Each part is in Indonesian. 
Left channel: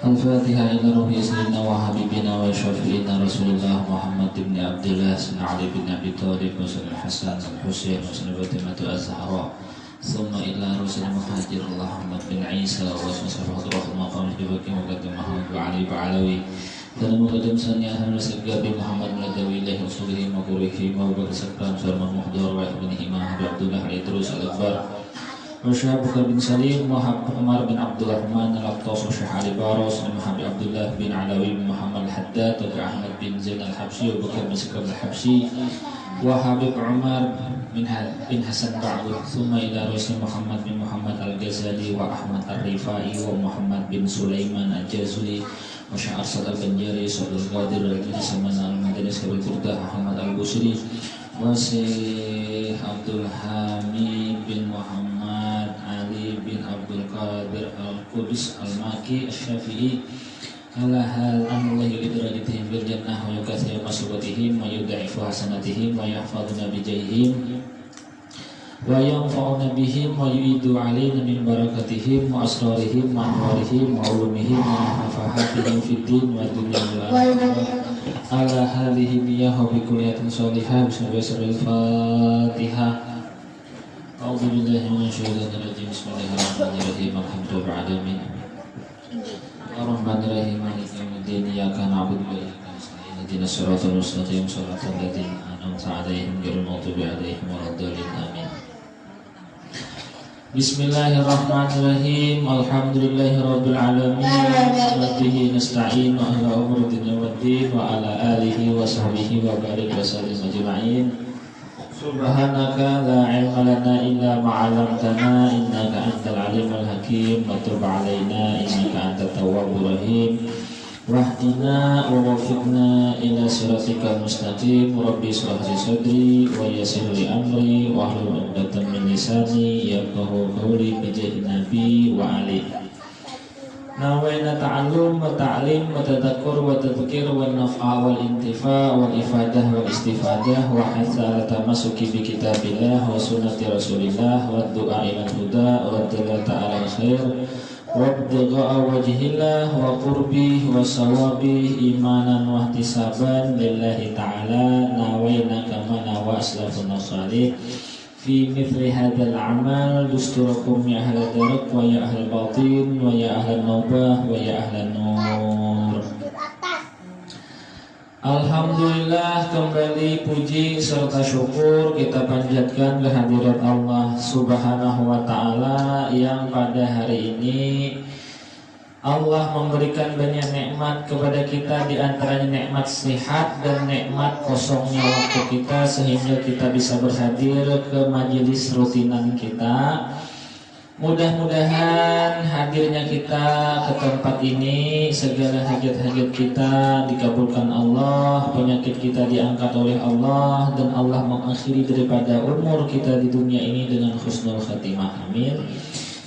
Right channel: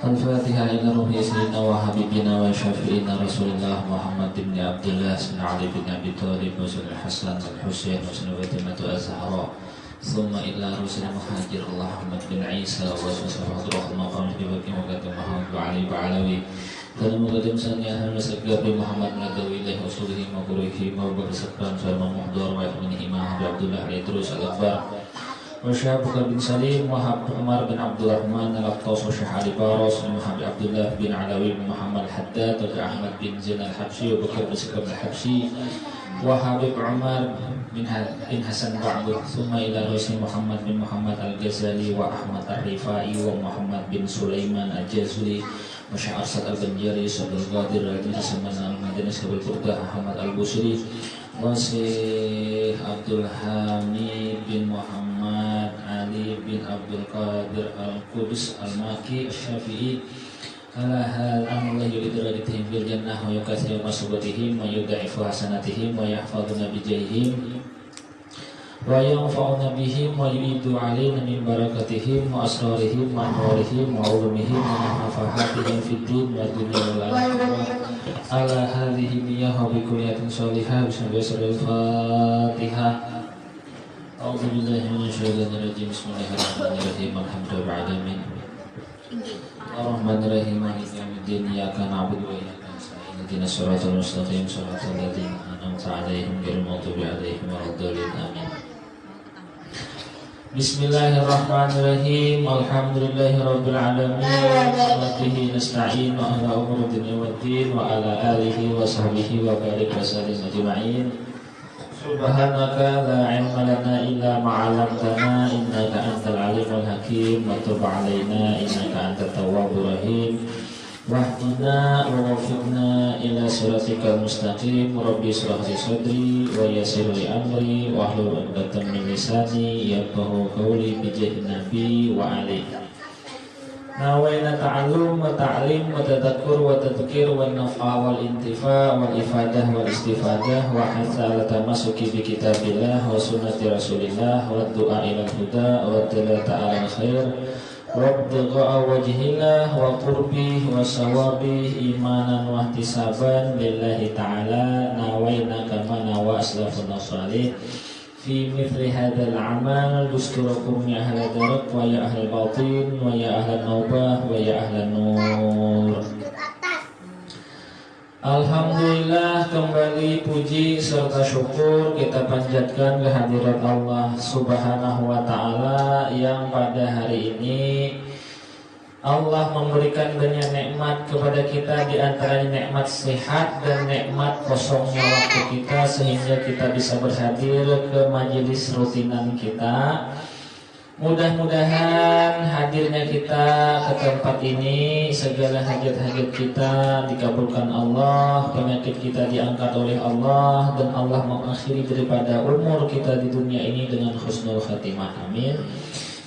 Al-Fatihah ila ruhi sayyidina wa habibina wa syafi'ina Rasulullah Muhammad bin Abdullah bin Ali bin Abi Thalib wa Sayyidina Hasan al-Husain wa Sayyidina Fatimah az-Zahra thumma ila rusul muhajir Muhammad bin Isa wa Sayyidina Abdurrahman qawmi fi waqi muqaddim Muhammad wa Ali ba'alawi dan muqaddim sanya Hasan Gabi Muhammad Nadawi ilahi usulihi wa qurihi wa bersabdan Salman Muhdar wa ibn Himah Abdullah Idrus al-Akbar Syekh Abubakar bin Salim, Muhammad Umar bin Abdul Rahman, Al-Aqtas, Syekh Ali Baros, Muhammad Abdullah bin Alawi bin Muhammad Haddad, Ahmad bin Zain Al-Habsyi, Abubakar bin Sikr Al-Habsyi, wa Habib Umar bin Hasan Ba'du, thumma ila Rasul Muhammad bin Muhammad Al-Ghazali, wa Ahmad Ar-Rifai, wa Muhammad bin Sulaiman Al-Jazuli, wa Syekh Arsad Al-Banjari, Syekh Al-Qadir, Al-Jadid Samana Al-Madani, Syekh Al-Qurdah, Ahmad Al-Busri, wa Syekh Abdul Hamid bin Muhammad Ali bin Abdul Qadir Al-Qudus Al-Maki Al-Syafi'i ala hal amullah yulidrajatihim bil jannah wa yukathir masubatihim wa yudha'ifu hasanatihim wa yahfaduna bijayhim wa yanfa'una bihim wa yu'idu alayna min barakatihim wa asrarihim wa amrarihim wa ulumihim wa nafahatihim fid din wa dunya wal akhirah ala hadhihi niyah wa bi kulliyatin shalihah bismillahirrahmanirrahim A'udzu billahi minasyaitonir rajim. Bismillahirrahmanirrahim. Alhamdulillahi alamin. Ar-Rahmanir-Rahim. Maliki yaumiddin. Iyyaka na'budu wa iyyaka nasta'in. Ihdinas siratal mustaqim. Shiratal ladzina an'amta 'alaihim ghairil maghdubi 'alaihim waladdallin. Amin. Bismillahirrahmanirrahim. Alhamdulillahirabbil alamin. Wa bihi nasta'in ala umuri dunya waddin wa ala alihi wa sahbihi wa barik wa sallim ajma'in. Subhanaka la ilma lana illa ma 'allamtana innaka antal alimul hakim wa tub 'alaina innaka antat tawwabur rahim wahdina wa waffiqna ila siratikal mustaqim rabbi shrah li sadri wa yassir li amri wa hlul 'uqdatam min lisani yafqahu qawli bi jahi nabi wa alihi Nawaina ta'allum wa ta'lim wa tadakkur wa tadhkir wa nafa' wal intifa' wal ifadah wal istifadah wa hatha ala tamasuki bi kitabillah wa sunnati rasulillah wa du'a ila huda wa dalla ta'ala khair wa ibtigha'a wajhillah wa qurbi wa sawabi imanan wa ihtisaban lillahi ta'ala nawaina kama nawa aslafun salih fi mithli hadzal amal dusturakum ya ahla darak wa ya ahla batin wa ya ahla naubah wa ya ahla nur. Alhamdulillah, kembali puji serta syukur kita panjatkan kehadirat Allah Subhanahu wa taala yang pada hari ini Allah memberikan banyak nikmat kepada kita, di antaranya nikmat sehat dan nikmat kosongnya waktu kita sehingga kita bisa berhadir ke majelis rutinan kita. Mudah-mudahan hadirnya kita ke tempat ini segala hajat-hajat kita dikabulkan Allah, penyakit kita diangkat oleh Allah, dan Allah mengakhiri daripada umur kita di dunia ini dengan husnul khatimah. Amin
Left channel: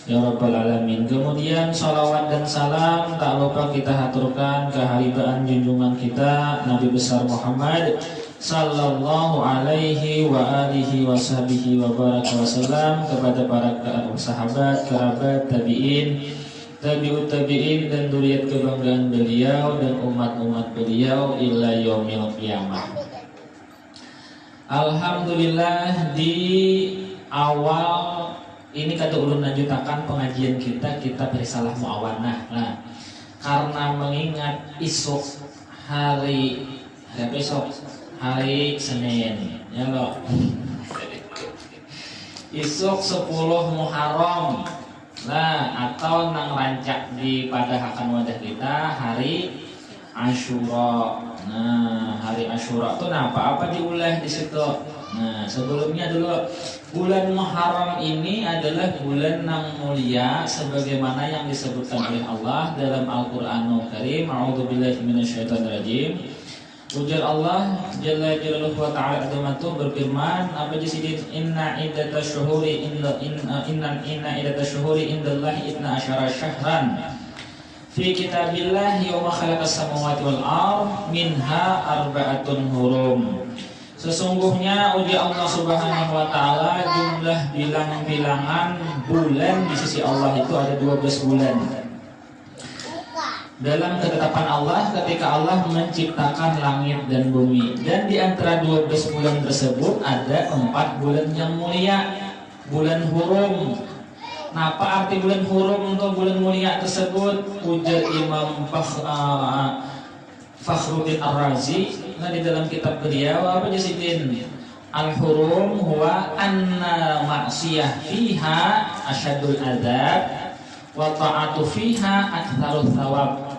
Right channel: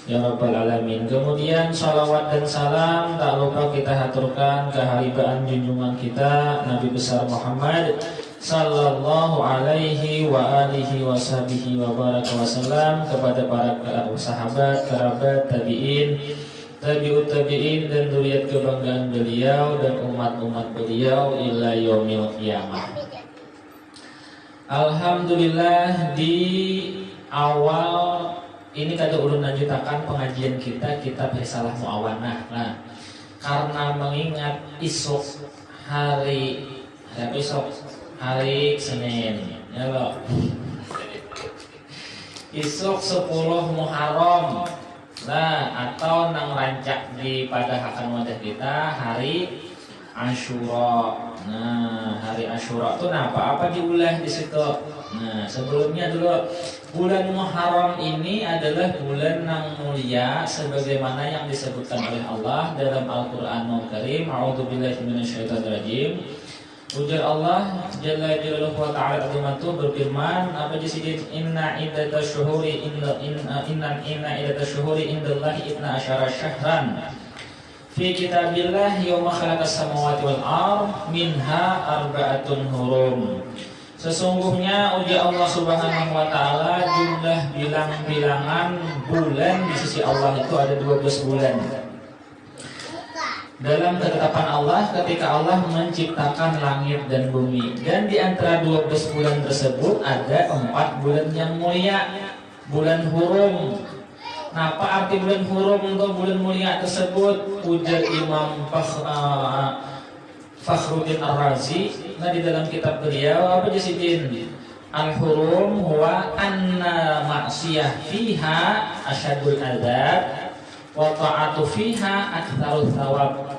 ya rabbal alamin. Kemudian salawat dan salam tak lupa kita haturkan keharibaan junjungan kita Nabi besar Muhammad sallallahu alaihi wa alihi wa sahbihi wa baraka wasallam, kepada para sahabat, kerabat, tabi'in, tabi'ut tabi'in, dan zuriat kebanggaan beliau dan umat-umat beliau ila yaumil qiyamah. Alhamdulillah, di awal ini kata ulun lanjutakan pengajian kita kitab Risalah Mu'awanah. Nah, karena mengingat isuk hari Senin, ya loh. Isuk 10 Muharram. Nah, atau nang rancak di pada akan wadah kita hari Asyura. Nah, hari Asyura itu apa diulah di situ. Nah, sebelumnya dulu bulan Muharram ini adalah bulan yang mulia sebagaimana yang disebutkan oleh Allah dalam Al-Qur'anul Karim. A'udzubillahi minasyaitonirrajim. Ujar Allah Jalla Jalaluhu wa ta'ala azamatuh berfirman, apa jadi inna iddatash syuhuri indallahi 12 syahran fi kitabillah yawma khalaqas samawati wal ard minha arba'atun hurum. Sesungguhnya ujar Allah Subhanahu wa taala jumlah bilang-bilangan bulan di sisi Allah itu ada 12 bulan. dalam ketetapan Allah ketika Allah menciptakan langit dan bumi. Dan di antara 12 bulan tersebut ada 4 bulan yang mulia, bulan hurum. Nah, apa arti bulan hurum untuk bulan mulia tersebut? Ujar Imam Fakhruddin Ar-Razi, nah di dalam kitab beliau apa jasidin? Al-hurum huwa anna ma'siyah fiha asyadul adzab wa ta'atu fiha aktsarut thawab.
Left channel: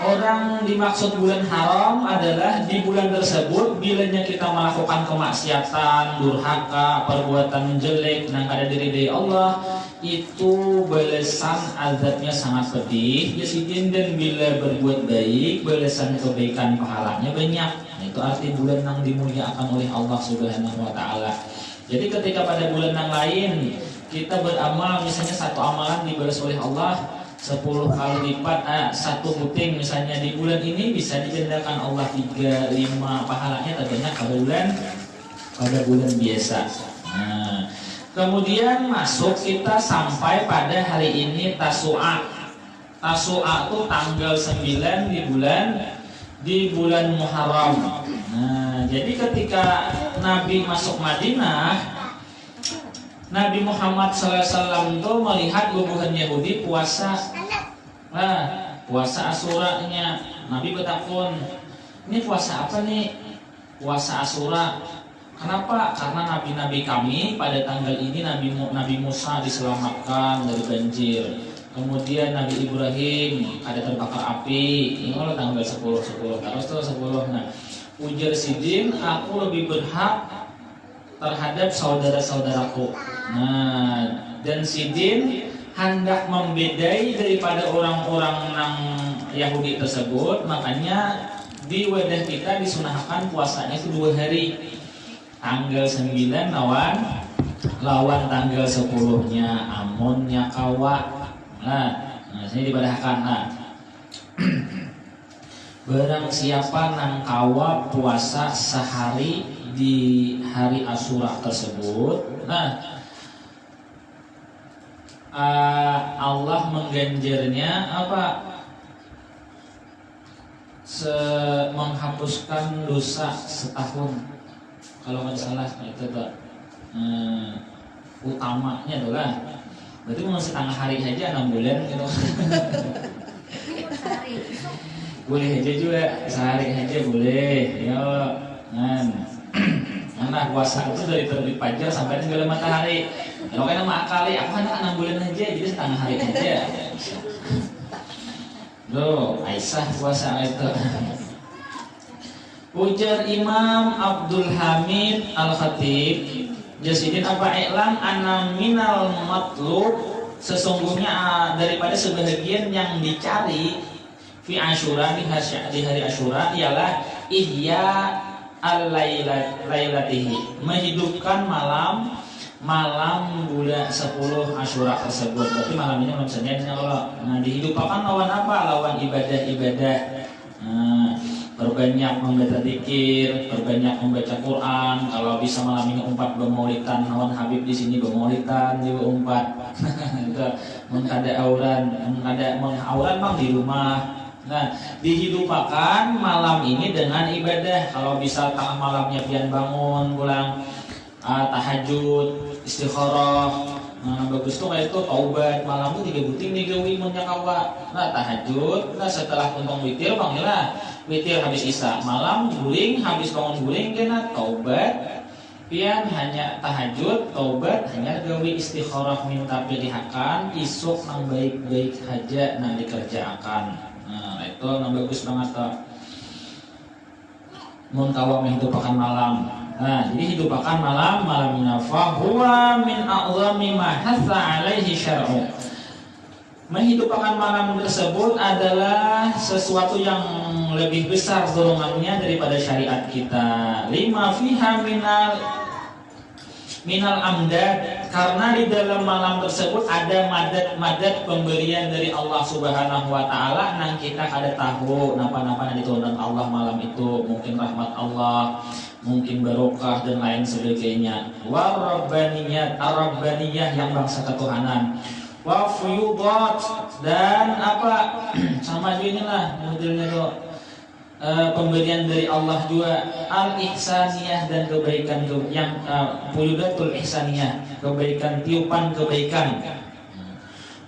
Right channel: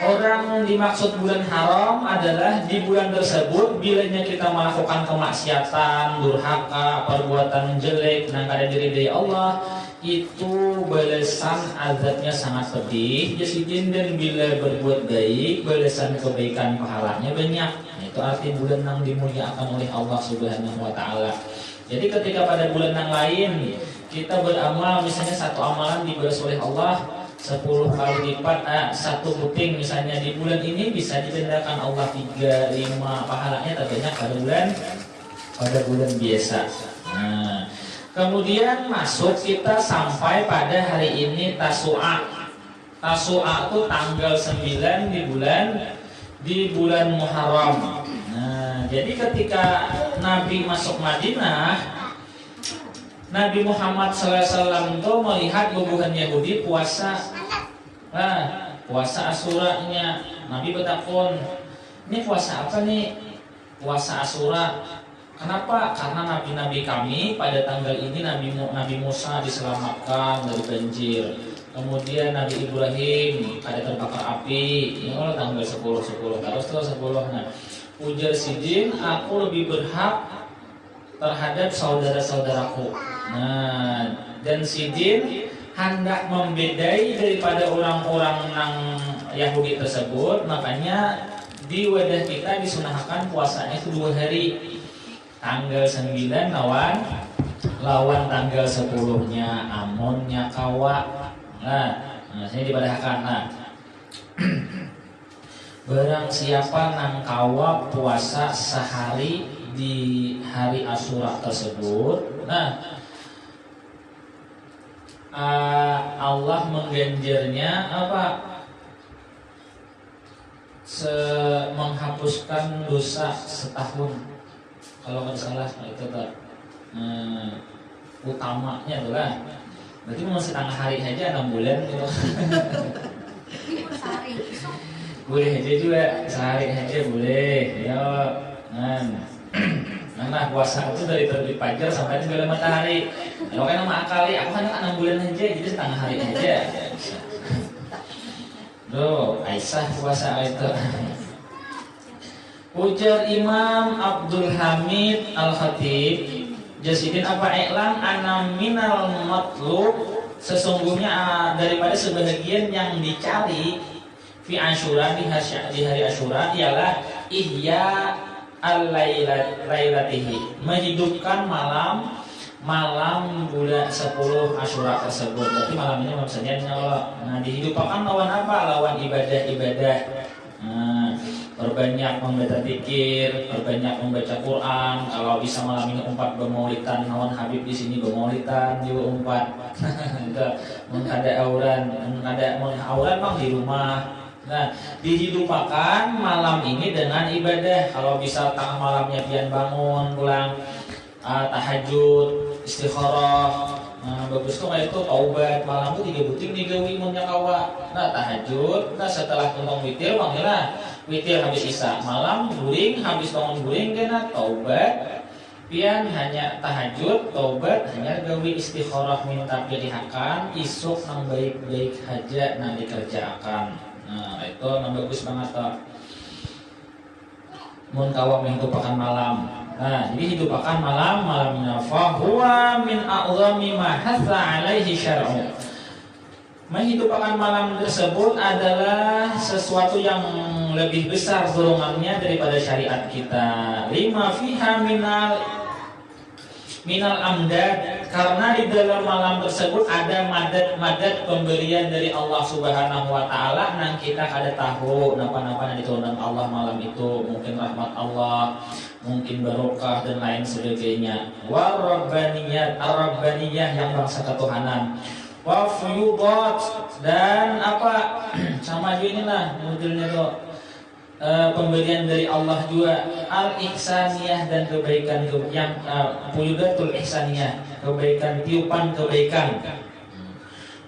Orang dimaksud bulan haram adalah di bulan tersebut bilanya kita melakukan kemaksiatan, durhaka, perbuatan jelek yang ada dari Allah, itu balasan azabnya sangat pedih jasidin, dan bila berbuat baik balasan kebaikan pahalanya banyak. Nah, itu arti bulan yang dimuliakan oleh Allah Subhanahu wa taala. Jadi ketika pada bulan yang lain kita beramal, misalnya satu amalan dibalas oleh Allah 10 kali lipat, satu puting misalnya, di bulan ini bisa digandakan Allah 3, 5 pahalanya terbanyak pada bulan biasa. Nah, kemudian masuk kita sampai pada hari ini Tasu'a. Tasu'a itu tanggal 9 di bulan Muharram. Nah, jadi ketika Nabi masuk Madinah, Nabi Muhammad SAW itu melihat guguhan Yahudi puasa, puasa Asyura-nya. Nabi bertakun, ini puasa apa nih? Puasa Asyura. Kenapa? Karena nabi-nabi kami pada tanggal ini Nabi Musa diselamatkan dari banjir. Kemudian Nabi Ibrahim ada terbakar api. Ini kalau tanggal 10 terus 10. Nah, ujar Sidin, aku lebih berhak terhadap saudara-saudaraku. Nah, dan Sidin hendak membedai daripada orang-orang yang Yahudi tersebut, makanya di wadah kita disunahkan puasanya itu 2 hari. Tanggal 9 lawan tanggal 10-nya amonnya kawa. Nah, sini dibadahkan. Nah, barang siapa nang kawa puasa sehari di hari Asyura tersebut, nah Allah mengganjarnya apa? Menghapuskan dosa setahun. Kalau nggak salah itu Pak. Utamanya adalah berarti masih tengah hari aja 6 bulan gitu. Boleh aja juga sehari aja boleh. Ya, nah puasa itu dari terbit fajar sampai tenggelam matahari. Kalau kan nama akali, aku hanya 6 bulan aja, jadi setengah hari aja. Loh, Aisyah puasa itu. Ujar Imam Abdul Hamid Al-Khatib, jasidin apa i'lam anna minal matlub, sesungguhnya daripada sebahagian yang dicari fi Asyura di hari Asyura ialah ihya al-lailatihi, menghidupkan malam bulan 10 Asyura tersebut. Berarti malam ini malam Senin Allah. Nah, dihidupkan lawan apa? Lawan ibadah-ibadah. Nah, perbanyak membaca zikir, perbanyak membaca Quran. Kalau bisa malam ini umpat bermaulidan, lawan Habib di sini bermaulidan juga umpat. Itu mengkada auran mang di rumah. Nah, dihidupkan malam ini dengan ibadah. Kalau bisa tengah malamnya pian bangun, pulang tahajud, istikharah. Nah, bagus tuh kayak itu taubat malam itu 3 buting digawi menyakawa. Nah, tahajud, nah setelah untung witir panggillah witir habis isya, malam guling habis bangun guling kena taubat. Pian hanya tahajud, taubat, hanya gawi istikharah minta pilihakan, isuk nang baik-baik aja nang dikerjakan. Nah, itu nang bagus banget toh. Mun kawa menghidupakan malam. Nah, jadi hidupakan malamnya fa huwa min a'zami ma hatha alaihi syar'u. Menghidupkan malam tersebut adalah sesuatu yang lebih besar dorongannya daripada syariat kita. Lima fiha minal amdad, karena di dalam malam tersebut ada madat pemberian dari Allah Subhanahu wa taala nang kita kada tahu napa-napa yang diturunkan Allah malam itu, mungkin rahmat Allah, mungkin barokah dan lain sebagainya. Wa rabbaniyah yang bangsa ketuhanan. Wa fuyudat, dan apa sama aja inilah modelnya tuh. Pemberian dari Allah juga al-ihsaniyah dan kebaikan yang puyudatul ihsaniyah, kebaikan tiupan kebaikan.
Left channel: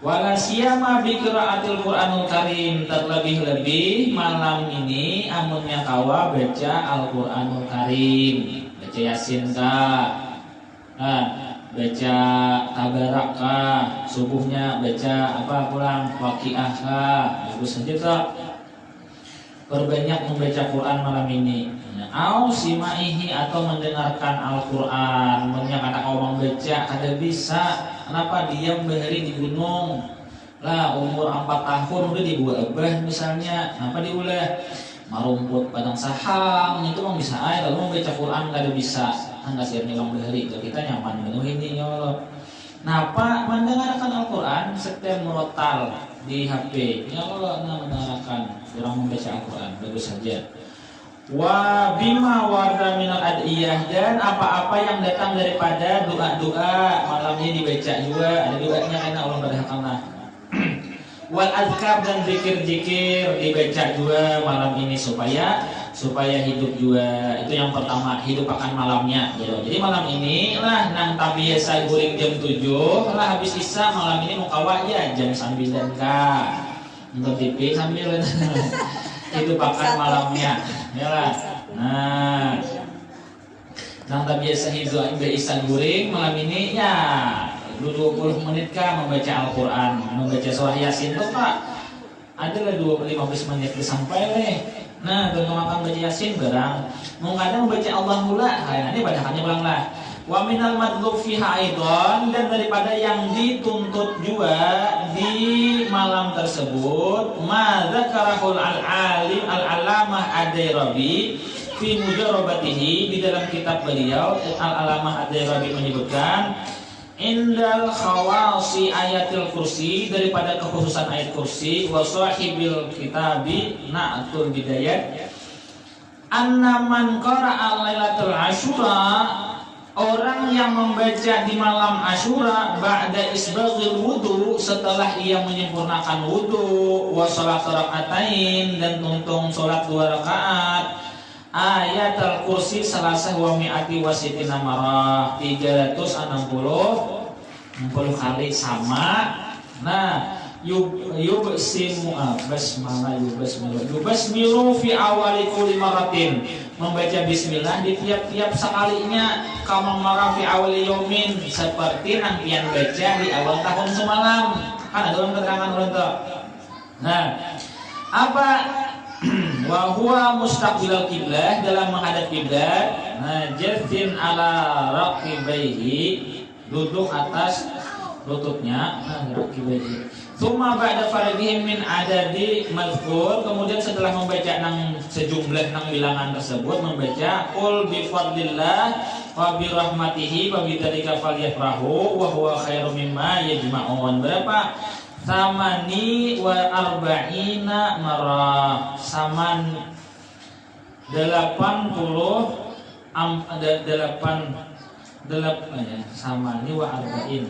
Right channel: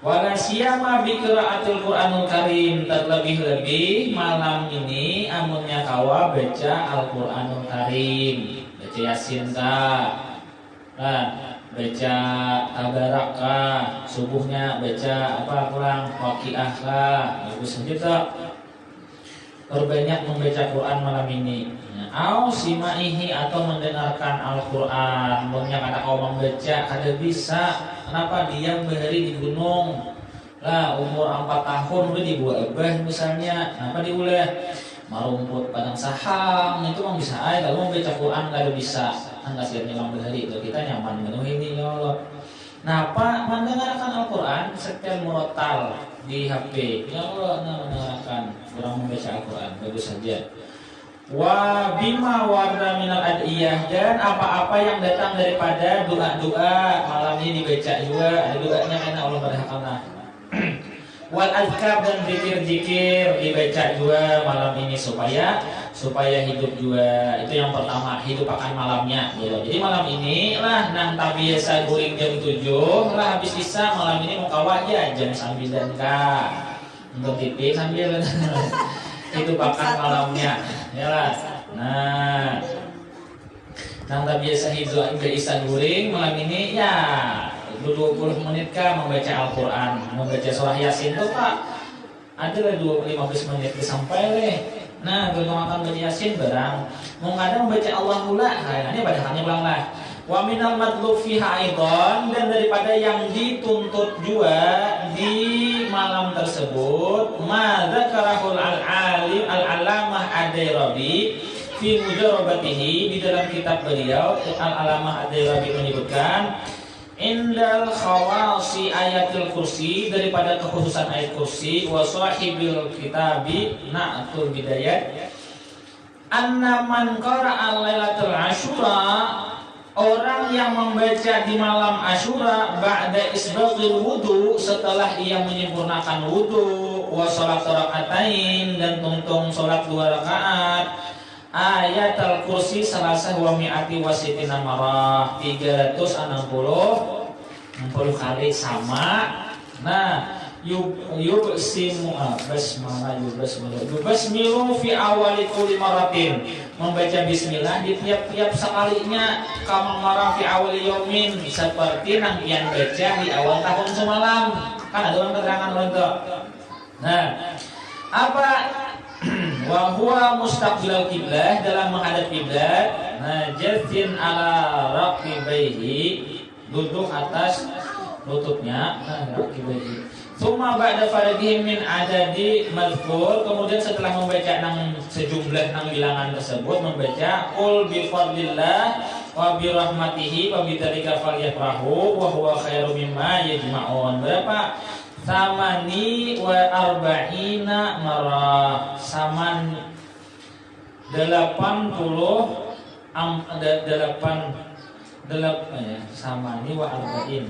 Wala siyama bi qiraatil Qur'anul Karim, terlebih-lebih malam ini amunnya kawa baca Al-Qur'anul Karim, baca Yasin ka. Nah, baca Tabarak ka, subuhnya baca apa pulang Waqiah ka. Bagus saja toh. Perbanyak membaca Quran malam ini. Au simaihi atau mendengarkan Al-Quran. Banyak anak orang membaca kada bisa. Kenapa diam bahari di gunung? Lah umur 4 tahun udah dibuat abah misalnya. Kenapa diulah? Marumput padang sahang itu mah bisa aja. Kalau membaca Quran kada bisa. Enggak siap ngilang bahari itu kita nyaman menuh ini ya Allah. Napa mendengarkan Al-Quran setel murotal di HP. Ya Allah mendengarkan kurang membaca Al-Quran bagus saja. Wa bima warda minal adiyah, dan apa-apa yang datang daripada doa-doa malam ini dibaca juga. Ada doanya karena Allah berhakallah. Wal azkar dan zikir-zikir dibaca juga malam ini supaya hidup juga. Itu yang pertama, hidup akan malamnya gitu. Jadi malam ini lah nang biasa guring jam 7 lah habis isya malam ini mau kawa aja jam 9 ka. Untuk TV sambil hidup akan malamnya. Ya lah. Nah, nang biasa hidup isya guring malam ini ya 20 menit kah membaca Al-Quran, membaca surah Yasin tuh Pak. Ada lah 15 menit sampai leh. Nah, makan baca Yasin barang. Mau kadang membaca Allah mula, ini padahalnya ulang lah. Wa minal madlub fiha aidan, dan daripada yang dituntut juga di malam tersebut, ma dzakarahul al-alim al-alamah ad-Dairabi fi mujarabatihi, di dalam kitab beliau al-alamah ad-Dairabi menyebutkan indal khawasi ayatil kursi, daripada kekhususan ayat kursi, wa sahibil kitabi na'tul bidayat anna man qara'a lailatul asyura, orang yang membaca di malam Asyura ba'da isbaghil wudu, setelah ia menyempurnakan wudu, wa salat rakaatain, dan tuntung salat 2 rakaat, ayat al-kursi salasah wa mi'ati wa sitina marah, 360 kali sama. Nah, yubsimu yubasmilu fi awali kulli maratin, membaca bismillah di tiap-tiap sekalinya, kama marah fi awali yaumin, seperti rangkaian baca di awal tahun semalam. Kan ada orang keterangan untuk. Nah, apa wa huwa mustaqbilal qiblah, dalam menghadap kiblat. Nah, jazin ala raqibaihi, duduk atas lututnya. Nah, raqibaihi. Tsumma ba'da faragihim min adadi mazkur, kemudian setelah membaca nang sejumlah nang bilangan tersebut, membaca qul bi fadlillah wa bi rahmatihi wa bidzalika falyafrahu wa huwa khairum mimma yajma'un. Berapa? Samani wa arba'ina marah, saman samani wa arba'in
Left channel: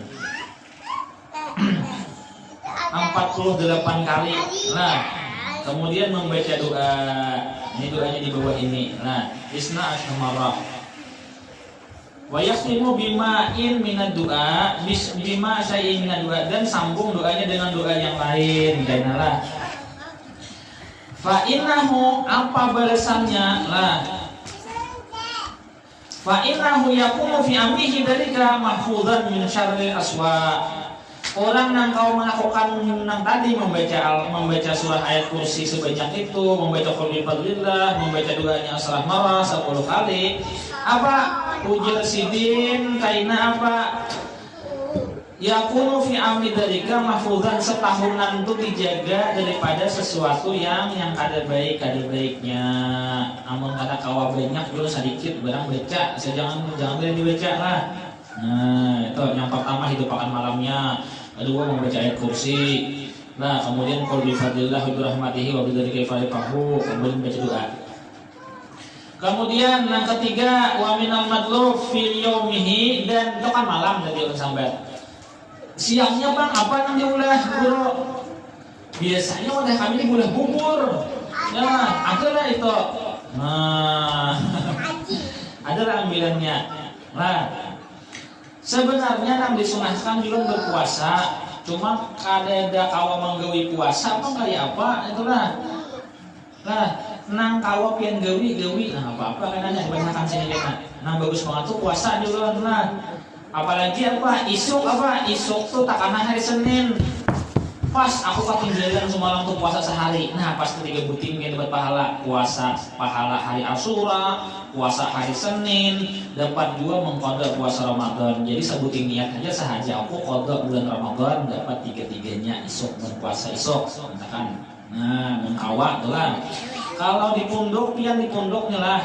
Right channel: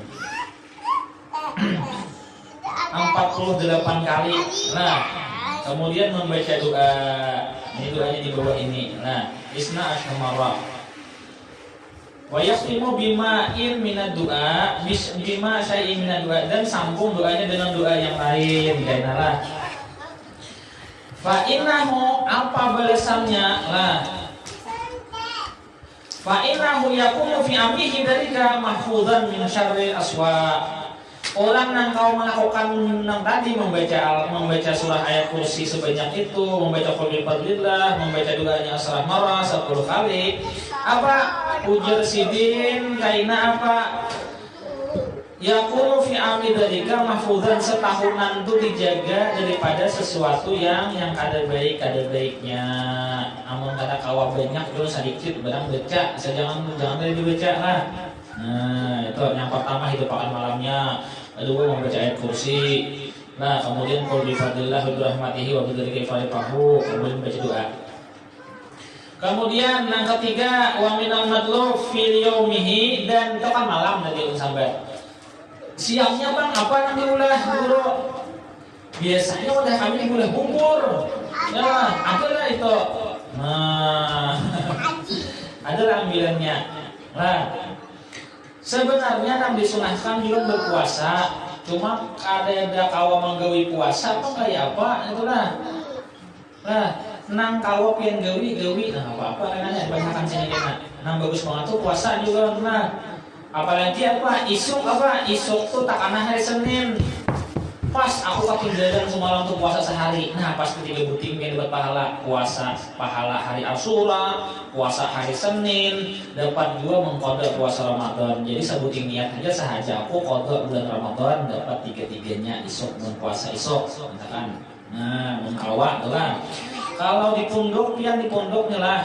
48 kali. Nah, kemudian membaca doa. Ini doanya di bawah ini. Nah, isna asmarah. Wa yaqtimu bima'in minad du'a, bima syai'in minad du'a, dan sambung doanya dengan doa yang lain. Kainalah. Fa innahu, apa balasannya? Lah. Fa innahu yakunu fi amrihi dzalika mahfuzan min syarril aswa. Orang yang kau melakukan yang tadi membaca surah ayat kursi sebanyak itu, membaca qul bi fadlillah, membaca doanya asrah marah 10 kali. Apa ujar sidin kaina apa? Yakunu fi amri dzalika mahfuzan, setahunan itu dijaga daripada sesuatu yang kada baiknya. Namun kata kawa banyak dulu sedikit barang baca, jangan dibaca lah. Nah, itu yang pertama hidup akan malamnya. Kedua membaca ayat kursi. Nah, kemudian qul bi fadlillah wa bi rahmatihi wa bidzalika falyafrahu, kemudian baca doa. Kemudian yang ketiga wa minal madlub fil yaumihi, dan itu kan malam tadi sampai. Siangnya Bang apa yang diulah guru? Biasanya udah kami boleh bubur. Ya, adalah itu. Nah, adalah ambilannya. Nah, sebenarnya yang disunahkan juga berpuasa. Cuma ada kawa menggawi puasa apa kayak apa itulah. Nah, nang kawa pian gawi, nah apa nanya kebanyakan sini kan. Nang bagus banget tuh puasa juga nah. Apalagi isuk tuh tak karena hari Senin. Pas aku ketinggalan semalam tuh puasa sehari. Nah, pas ketika butim kan dapat puasa pahala hari Asyura, puasa hari Senin, dapat juga mengkodok puasa Ramadan. Jadi sebutin niat aja sahaja aku kodok bulan Ramadan dapat tiga-tiganya isuk berpuasa isuk, misalkan. Nah, mengawak lah. Kalau di punduk lah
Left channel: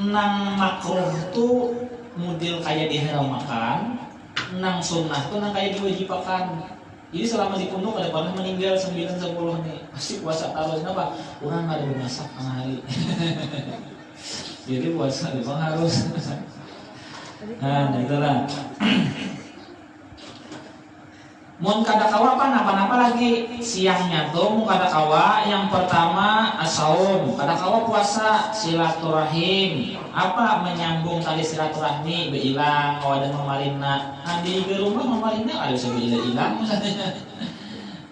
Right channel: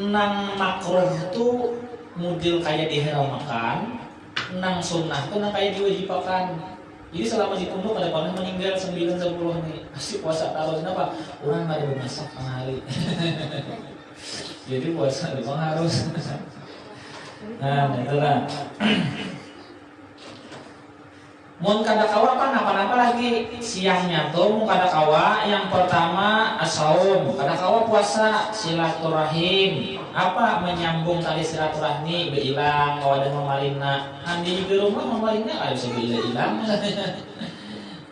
nang makruh tuh model kayak diharamkan. Nang sunnah tuh nang kayak diwajibakan. Jadi selama di pondok ada pernah meninggal 9-10 nih. Asik puasa taruh kenapa? Orang nggak ada bermasak hari. Jadi puasa itu harus. Nah, itulah. Mun kada kawa apa lagi siangnya tuh mun kada kawa yang pertama asaum, kada kawa puasa silaturahim. Apa menyambung tali silaturahmi beilang kawa ada mamalina. Andi di rumah mamalina ada ilang.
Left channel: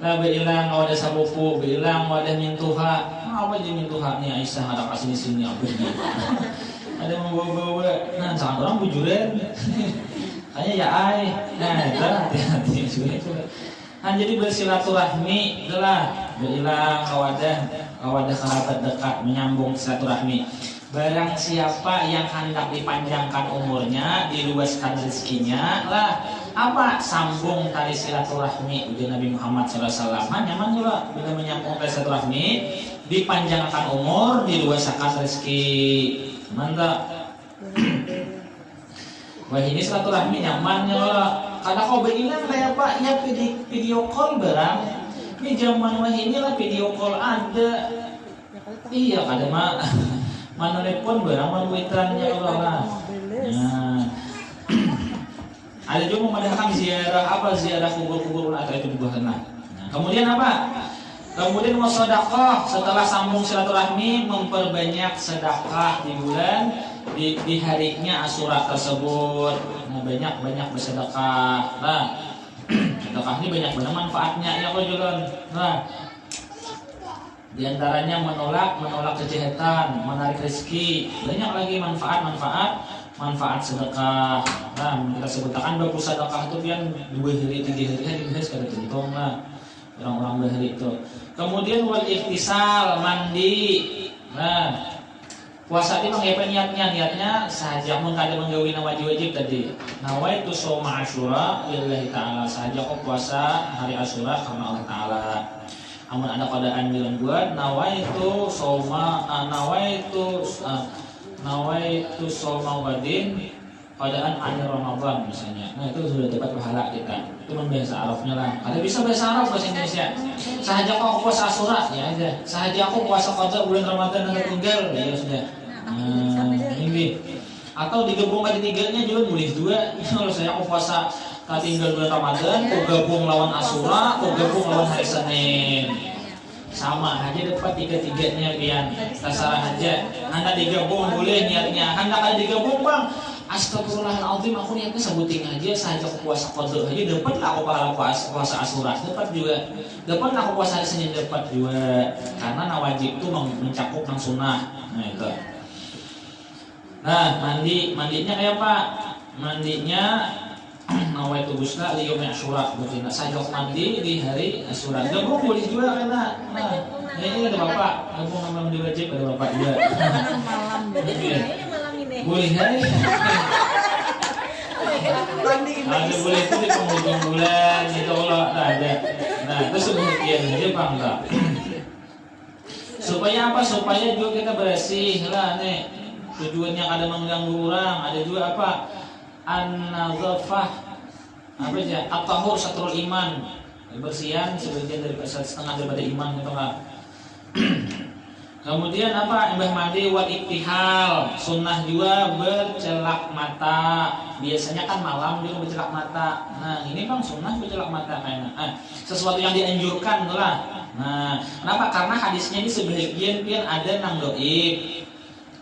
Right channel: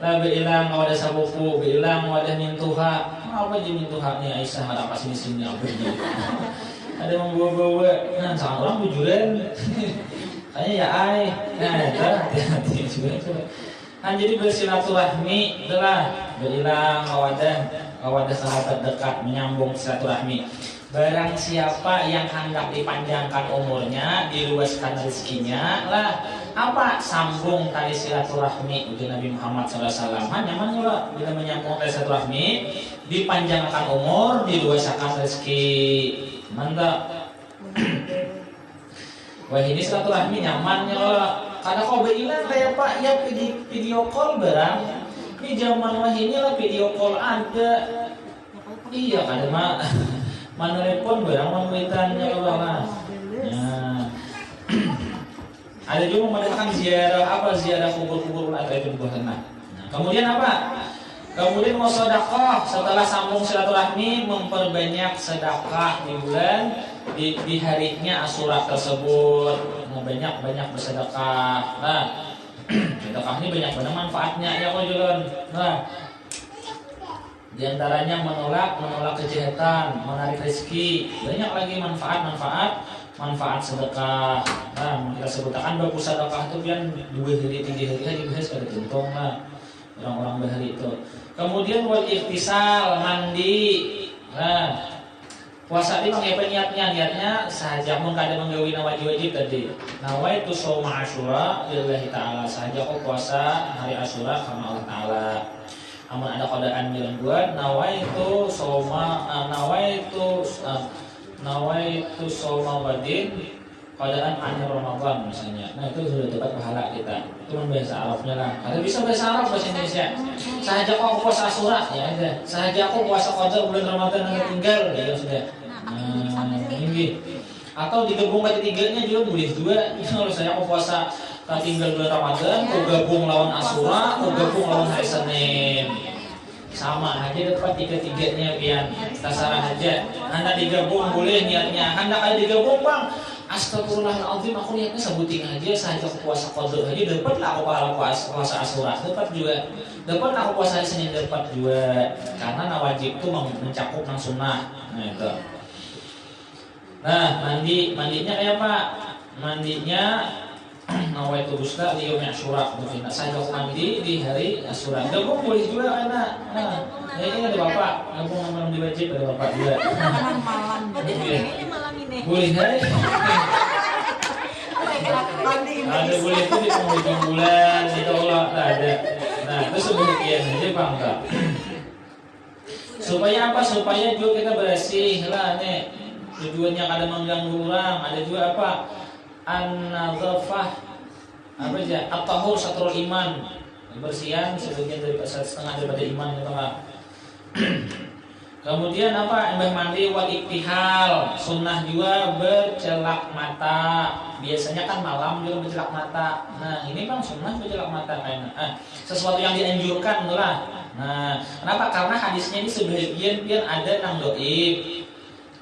Lah beilang kawa ada sabupu, beilang kawa ada mintuha. Apa aja mintuha nih Aisyah ada pas sini apa dia. Ada membawa-bawa. Nah, sangat orang bujuran. Hanya ya nah itu hati-hati juga itu. Nah, jadi bersilaturahmi adalah berilang kawadah sahabat dekat menyambung silaturahmi. Barang siapa yang hendak dipanjangkan umurnya, diluaskan rezekinya lah apa sambung tali silaturahmi uji Nabi Muhammad SAW. Memang juga bila menyambung tali silaturahmi, dipanjangkan umur, diluaskan rezeki. Mantap. Wah ini silaturahmi nyaman loh. Karena kau bilang kayak Pak ya video call barang. Ini zaman wah ini lah video call ada. Iya kada mana telepon barang manwitannya loh lah. Nah. Ada juga mengadakan ziarah kubur-kubur atau itu juga kena. Kemudian apa? Kemudian sedekah setelah sambung silaturahmi memperbanyak sedekah di bulan di harinya Asyura tersebut. Nah, banyak bersedekah. Nah, sedekah ini banyak banget manfaatnya ya kalau nah, di antaranya menolak kejahatan, menarik rezeki. Banyak lagi manfaat sedekah. Nah, kita sebutkan bagus sedekah itu kan 2 hari 3 hari habis kada tentung lah. Orang-orang berhari itu. Kemudian wal ikhtisal mandi. Nah, puasa ini apa niatnya sahaja mun kada menggawi wajib tadi. Nawaitu shauma Asyura lillahi ta'ala. Sahaja kok puasa hari Asyura karena Allah Ta'ala. Amun ada kodaan bilang buat nawaitu shauma wadin kodaan akhir Ramadan misalnya. Nah, itu sudah dapat pahala kita. Itu bahasa Arabnya lah. Ada bisa bahasa Arab bahasa Indonesia. Sahaja kok puasa Asyura ya aja. Sahaja kok puasa qada bulan Ramadan yang tinggal ya sudah. Nah, ini. Atau digabung lagi tiganya juga boleh juga. Kalau saya kok puasa tak tinggal bulan Ramadan, kok gabung lawan Asyura, kok gabung lawan hari Senin. Sama aja dapat tiga-tiganya pian. Terserah aja. Anda digabung boleh niatnya. Anda kali digabung bang. Astagfirullahaladzim aku niatnya sebutin aja saya puasa qada aja dapat lah aku pahala puasa Asyura dapat juga dapat lah aku puasa hari Senin dapat juga karena wajib itu mencakup nang sunnah. Nah itu. Nah mandinya kayak apa? Mandinya nawaitu ghusla li yaumi Asyura berarti saya mandi di hari Asyura. Gabung boleh juga karena ini ada bapak gabung malam di wajib ada bapak juga. Malam berarti malam ini. Boleh hari. Ada boleh itu di penghujung bulan itu Allah ada. Nah itu sebagian aja bang tak. Supaya apa? Supaya juga kita bersih lah nih. Tujuannya ada mengganggu orang. Ada juga apa? An-nazafah apa aja? At-tahur satrul iman. Kebersihan sebagian dari setengah daripada iman itu kan. Kemudian apa? Embah mandi wal iktihal, sunnah juga bercelak mata. Biasanya kan malam juga bercelak mata. Nah ini bang sunnah bercelak mata kayaknya. Sesuatu yang dianjurkan lah. Nah kenapa? Karena hadisnya ini sebagian ada nang doib,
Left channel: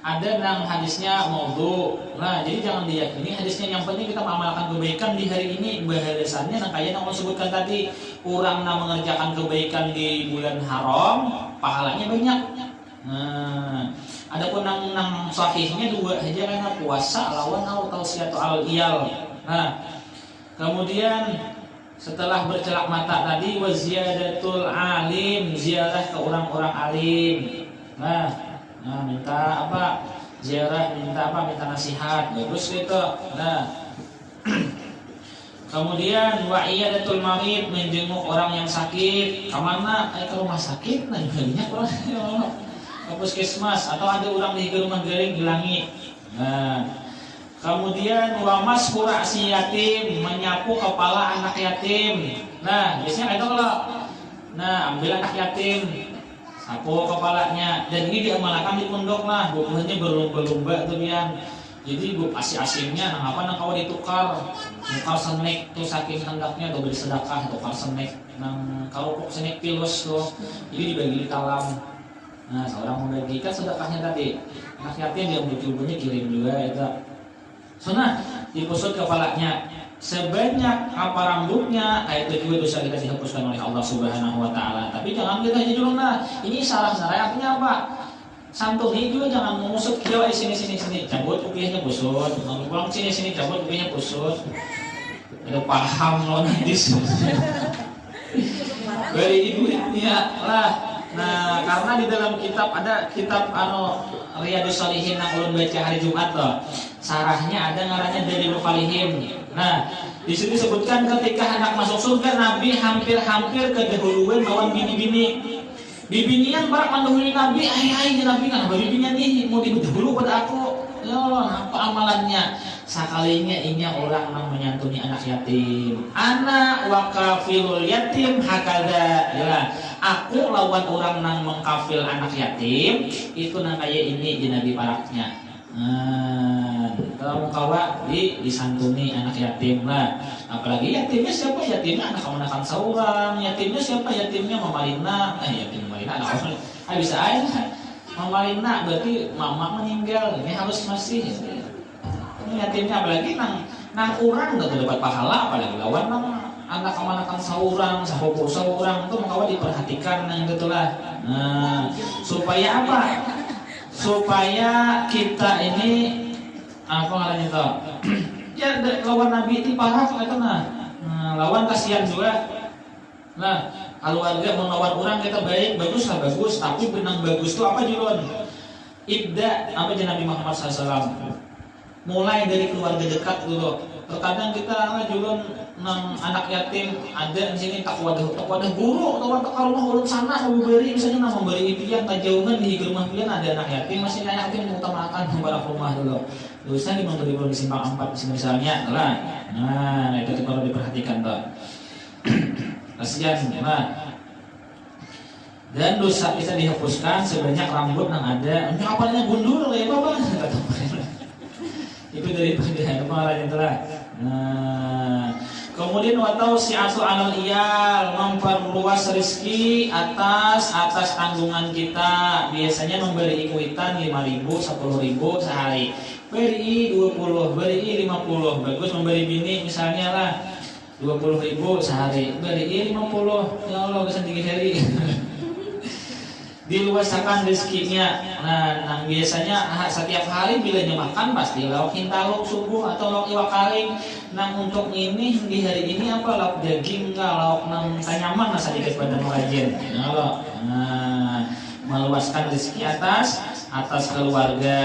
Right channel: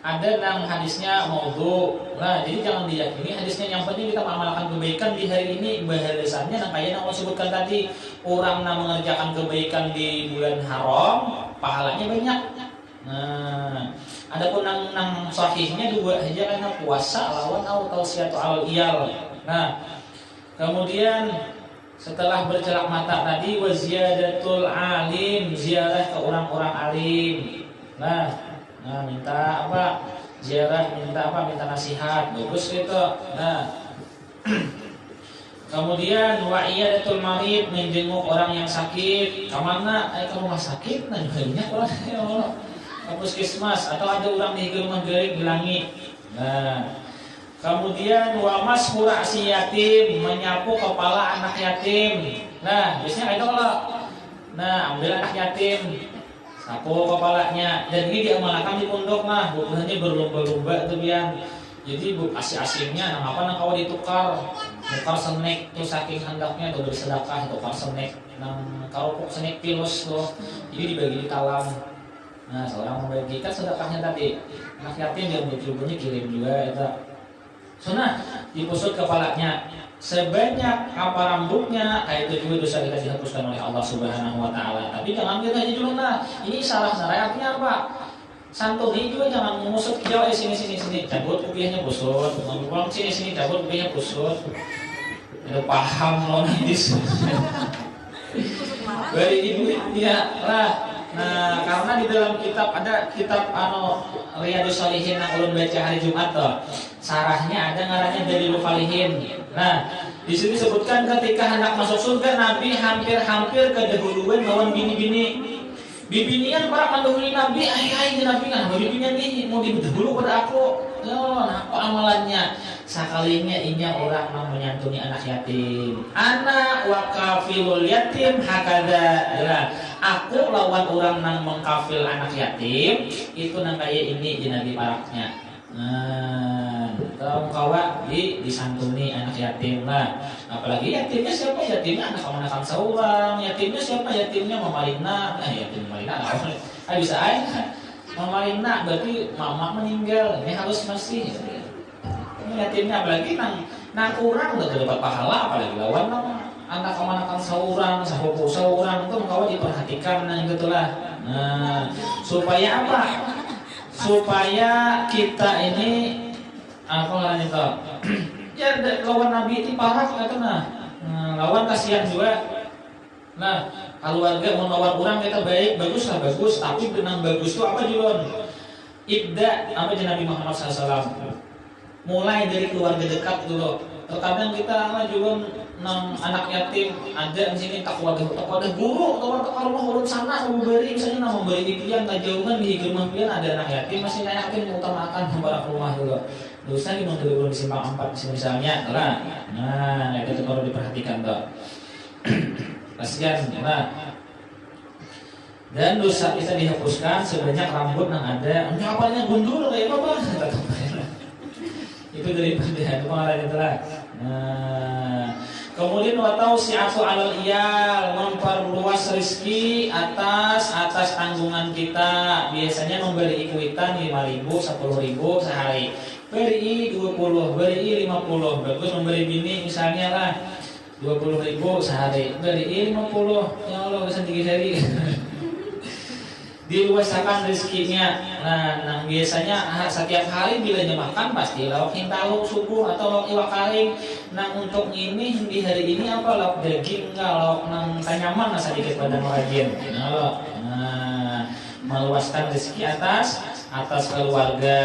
ada nang hadisnya maudhu. Nah jadi jangan diyakini hadisnya. Yang penting kita mengamalkan kebaikan di hari ini. Bahasannya yang kayak yang Allah sebutkan tadi, orang yang mengerjakan kebaikan di bulan haram pahalanya banyak. Nah, adapun nang sahihnya dua aja karena puasa lawan atau tausiatu alal iyal. Nah, kemudian setelah bercelak mata tadi waziyadatul alim, ziarah ke orang-orang alim. Nah, minta apa? Ziarah minta apa? Minta nasihat. Bagus gitu. Nah, kemudian wa iyadatul marid, menjenguk orang yang sakit. Kemana? Ke rumah sakit. Nah, banyak orang ya Allah. Ke puskesmas atau ada orang di rumah garing di langit. Nah, kemudian wa mashu ra'si yatim, menyapu kepala anak yatim. Nah, biasanya itu kalau ambil anak yatim, sapu kepalanya, dan ini diamalkan di pondok lah, bukannya berlomba-lomba tuh bian. Jadi bu asing-asingnya apa kawa ditukar senek tuh saking hendaknya tuh bersedekah tukar senek nang karupuk senek pilus tuh. Jadi dibagi di talam. Nah, seorang membagikan sedekahnya tadi. Anak yatim yang berjubahnya kirim juga itu. Sunnah dipusut kepalanya sebanyak apa rambutnya, itu juga dosa kita dihapuskan oleh Allah Subhanahu wa taala. Tapi jangan kita jujurna. Ini salah sebenarnya artinya apa? Santuni juga jangan mengusut jauh sini cabut kupingnya pusut. Ngomong sini cabut kupingnya pusut. Itu paham loh nanti. Beri ibu ya lah. Nah, karena di dalam kitab ada kitab Riyadhus Shalihin yang ulun baca hari Jumat tuh. Sarahnya ada ngarannya Dalilul Falihin. Nah, di sini disebutkan ketika hendak masuk surga Nabi hampir kedahuluan lawan bini-bini. Bibinian para mendahului Nabi, Nabi kan bibinian nih mau didahulu pada aku. Ya Allah, apa amalannya? Sekalinya ini orang yang menyantuni anak yatim. Anak wakafilul yatim hakada. Ya, aku lawan orang yang mengkafil anak yatim itu nang kayak ini di Nabi paraknya. Nah, kalau kawa disantuni anak yatim lah. Apalagi yatimnya siapa? Yatimnya anak-anakan seorang. Yatimnya siapa? Yatimnya Mamalina. Yatim Mamalina anak. Bisa aja. Mamalina berarti mama meninggal. Ini harus masih. Ini yatimnya apalagi nang kurang nggak dapat pahala apalagi lawan nang anak-anakan seorang, sepupu seorang itu mengkawa diperhatikan nang gitulah. Nah, supaya apa? Supaya kita ini apa ngarannya tuh? Ya lawan Nabi itu parah kata lawan kasihan juga. Nah, keluarga menawar orang kita bagus, tapi benang bagus itu apa julon? Ibda apa Nabi Muhammad SAW. Mulai dari keluarga dekat dulu. Terkadang kita julon anak yatim ada di sini tak wadah guru atau tak rumah urut sana kamu beri misalnya nama beri pian tajauhan di rumah pian ada anak yatim masih anak yatim mengutamakan membarak rumah dulu dosa di memberi belum di simpang 4 misalnya lah. Nah itu perlu diperhatikan tuh. Kasihan nah. Dan dosa kita dihapuskan sebanyak rambut yang ada. Ini apanya gundul ya apa? Itu dari pengaruh itu lah. Nah, kemudian watau si'atu alal iyal, memperluas rezeki atas tanggungan kita. Biasanya memberi ikuitan 5.000, 10.000 sehari. Beri 20, beri 50. Bagus memberi bini misalnya lah 20.000 sehari. Beri 50. Ya Allah bisa 3 hari. Diluasakan rezekinya. Nah, biasanya setiap hari bila makan pasti lauk hintaluk subuh atau lauk iwak karing. Nah, untuk ini di hari ini apa lauk daging enggak lauk nang kanyaman sedikit badan rajin. Nah, meluaskan rezeki atas keluarga.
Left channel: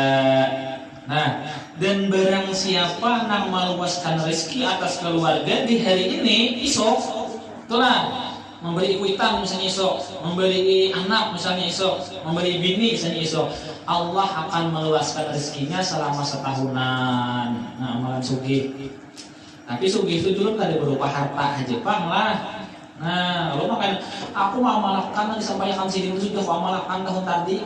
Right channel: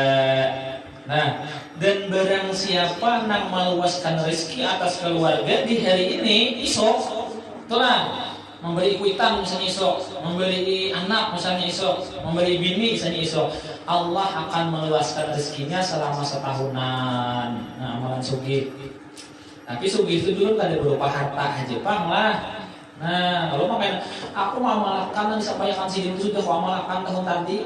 Nah, dan barang siapa nang meluaskan rezeki atas keluarga di hari ini isok, itulah memberi ikuitan misalnya isok, memberi anak misalnya isok, memberi bini misalnya isok, Allah akan meluaskan rezekinya selama setahunan. Nah, amalan sugih. Tapi sugih itu dulu tadi berupa harta aja pang lah. Nah, lo makanya aku mau amalkan yang disampaikan si itu sudah aku amalkan tahun tadi.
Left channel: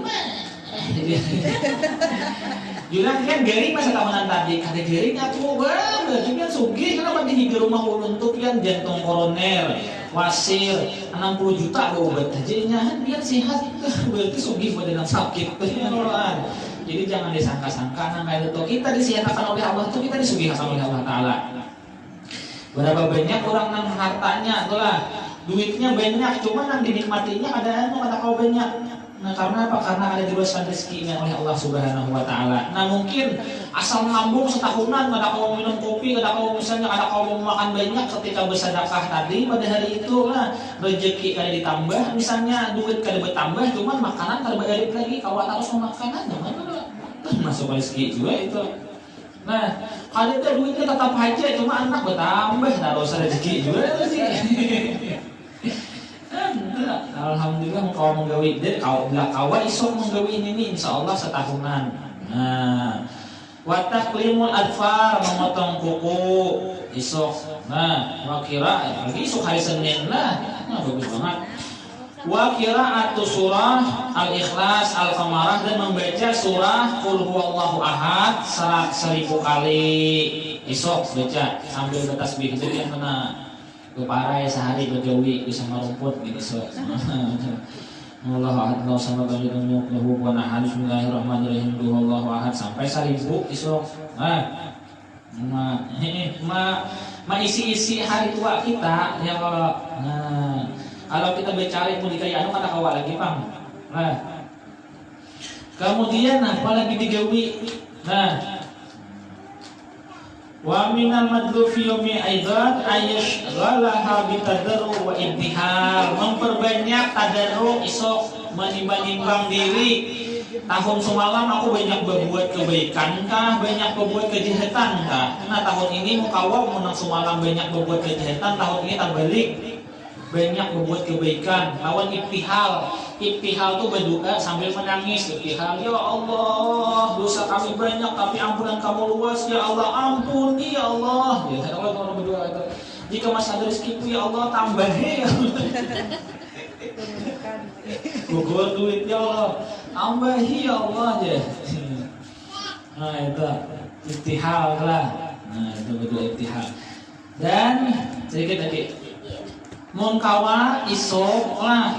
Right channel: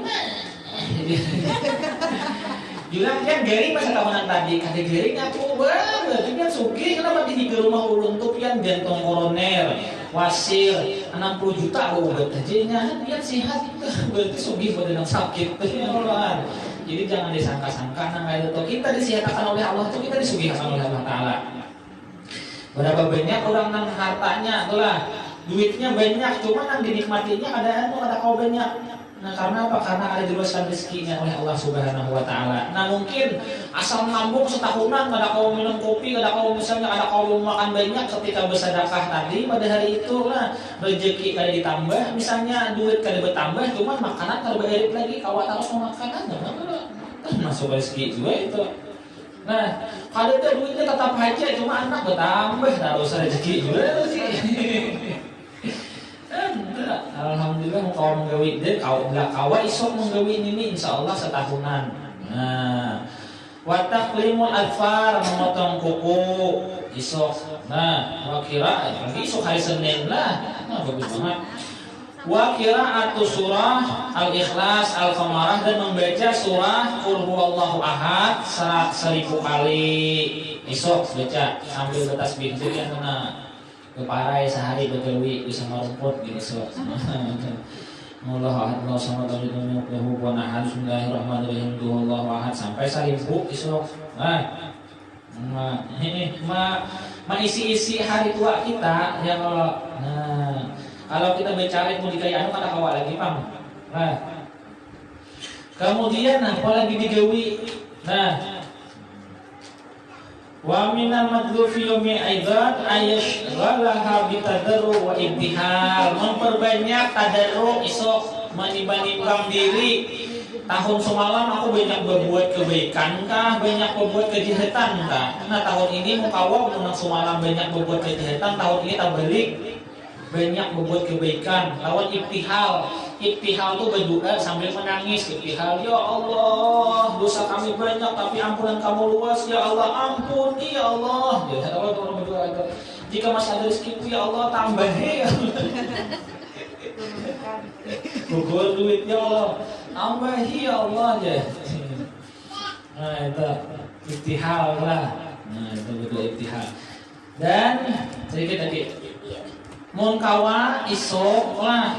Bilang kan garing masa tahunan tadi, kata garing aku banget, tapi kan sugih kenapa di rumah ulun tuh pian jantung koroner, wasir, 60 juta obat aja biar sehat, berarti sugih pada yang sakit, jadi jangan disangka-sangka, nah kayak itu kita disihatakan oleh Allah tuh kita disugihkan oleh Allah Taala. Berapa banyak orang nang hartanya, itulah duitnya banyak, cuman nang dinikmatinya ada kau banyak. Nah karena apa? Karena ada diluaskan rezekinya oleh Allah Subhanahu Wa Taala. Nah mungkin asam lambung setahunan, ada kau minum kopi, ada kau misalnya ada kau makan banyak ketika bersedekah tadi pada hari itu, nah rezeki kada ditambah, misalnya duit kada bertambah, cuman makanan kada beredit lagi, kau harus makanan, masuk rezeki juga itu. Nah, kalau itu duitnya tetap aja, cuma anak bertambah, harus rezeki juga sih. Alhamdulillah kau menggawi dia, kau belah kawa isok menggawi ini insyaallah setahunan. Nah, wataklimul adfar memotong kuku isok. Nah, wakira lagi isok hari Senin lah. Nah, bagus banget. Wakira atau surah Al-Ikhlas, Al-Qamarah dan membaca surah Qul Huwallahu Ahad 1000 kali isok baca sambil bertasbih jadi yang mana keparai sehari begawi bisa merumput gitu so. Allah ahad Allah sama kami tunjuk lahu wa nahal bismillahirrahmanirrahim Allahu ahad sampai 1000 isok. Ma isi-isi hari tua kita ya kalau kita bicara mau dikaya anu kada kawa lagi pang. Nah. Kemudian apalagi digawi. Nah, wa minal madlufi yawmi aidan ayashghalaha bitadarru wa ibtihal, memperbanyak tadarru isok menimbang diri. Tahun semalam aku banyak berbuat kebaikan kah, banyak berbuat kejahatan kah? Nah tahun ini mukawa menang semalam banyak berbuat kejahatan, tahun ini tak balik banyak berbuat kebaikan. Lawan ibtihal tuh berdoa sambil menangis. Ibtihal, ya Allah dosa kami banyak tapi ampunan kamu luas ya Allah, ampuni ya Allah. Ya Allah berdoa itu. Jika masih ada rezekiku ya Allah tambahi ya Allah. Gugur duit ya Allah tambahi ya Allah ya. Nah itu ibtihal lah. Nah itu berdoa ibtihal. Dan sedikit tadi Mungkawa isok lah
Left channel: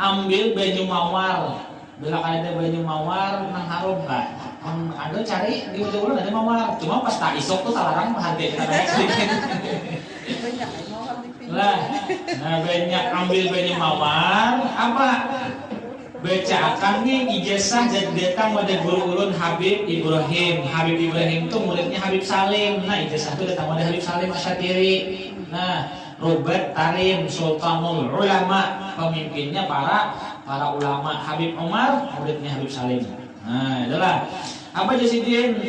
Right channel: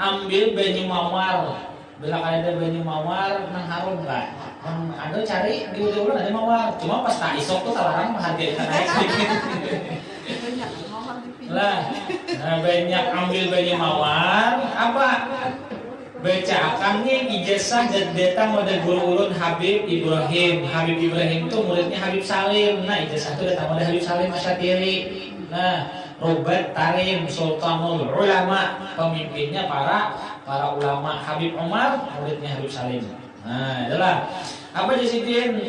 ambil banyu mawar. Bila ada banyu mawar nang harum kan. Ada cari di ujung ada mawar. Cuma pas tak isok tuh talarang harga naik sedikit. Banyak mawar di pinggir. Lah, nah banyak ambil banyu mawar apa? Baca akannya ijazah dan datang pada guru ulun Habib Ibrahim. Habib Ibrahim itu muridnya Habib Salim. Nah ijazah itu datang pada Habib Salim Asyatiri. Nah Rubat Tarim Sultanul Ulama, pemimpinnya para ulama. Habib Umar muridnya Habib Salim. Nah itulah apa jasidin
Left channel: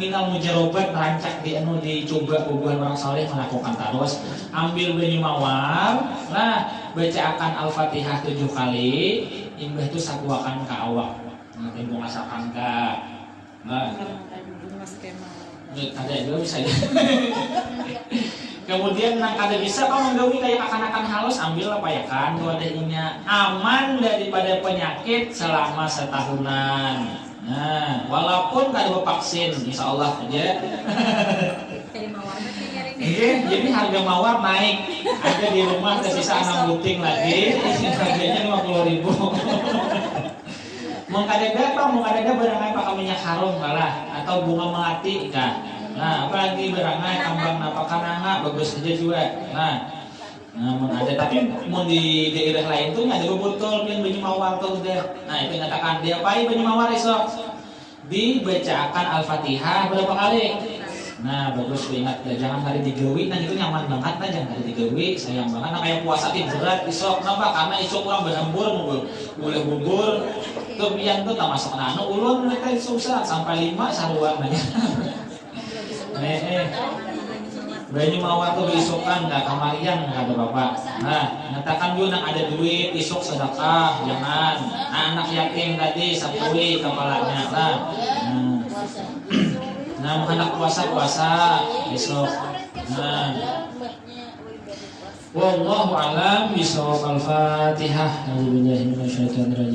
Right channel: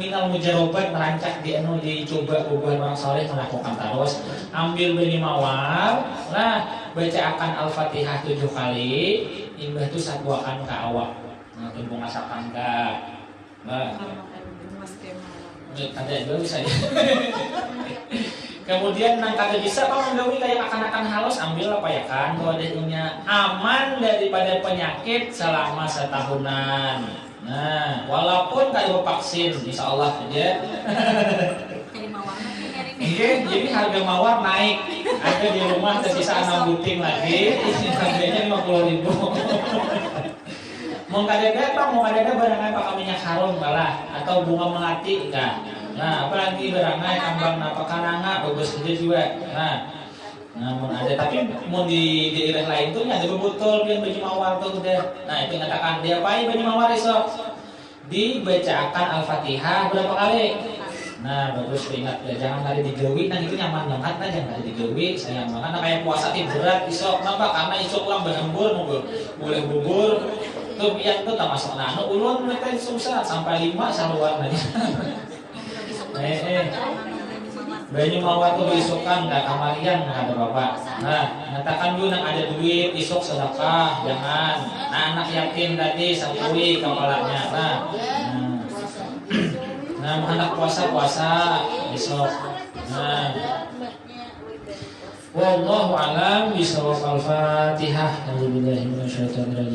minal mujarobat merancak dicoba bubuhan orang saleh melakukan terus ambil banyu mawar. Nah baca akan Al-Fatihah 7 kali, imbah itu satuakan ke awak. Nah tembung asalkan ke ada juga bisa ya. Kemudian nang kada bisa kau menggawi kayak akan halus ambil apa ya kan kodenya aman daripada penyakit selama setahunan. Nah walaupun kada vaksin insya Allah aja. Jadi harga mawar naik. Ada di rumah tersisa 6 buting lagi, harganya 50.000. Mau kadang barang apa minyak harum malah atau bunga melati kah? Nah, apalagi barangnya kambang napakananga bagus aja juga. Nah, namun ada tapi mau di daerah lain tuh ada botol yang banyu mawar tuh udah. Nah, itu nyatakan diapain banyu mawar esok? Dibacakan Al-Fatihah berapa kali? Nah, bagus ingat ya, jangan hari digawi, nah itu nyaman banget nah jangan hari digawi, sayang banget nah kayak puasa berat isok. Kenapa? Karena isok kurang berhembur, boleh bubur. Tuh yang tuh tak masuk nano ulun mereka susah sampai 5 saluan nanya. Banyu mawar tuh diisukan nggak kamarian kata bapak. Nah nyatakan dulu nang ada duit isuk sedekah jangan. Nah, anak yatim tadi sapui kepalanya lah. Nah anak puasa isuk. Nah Wallahu a'lam bishawab. Al-Fatihah. A'udzubillahi minasyaitonir rajim.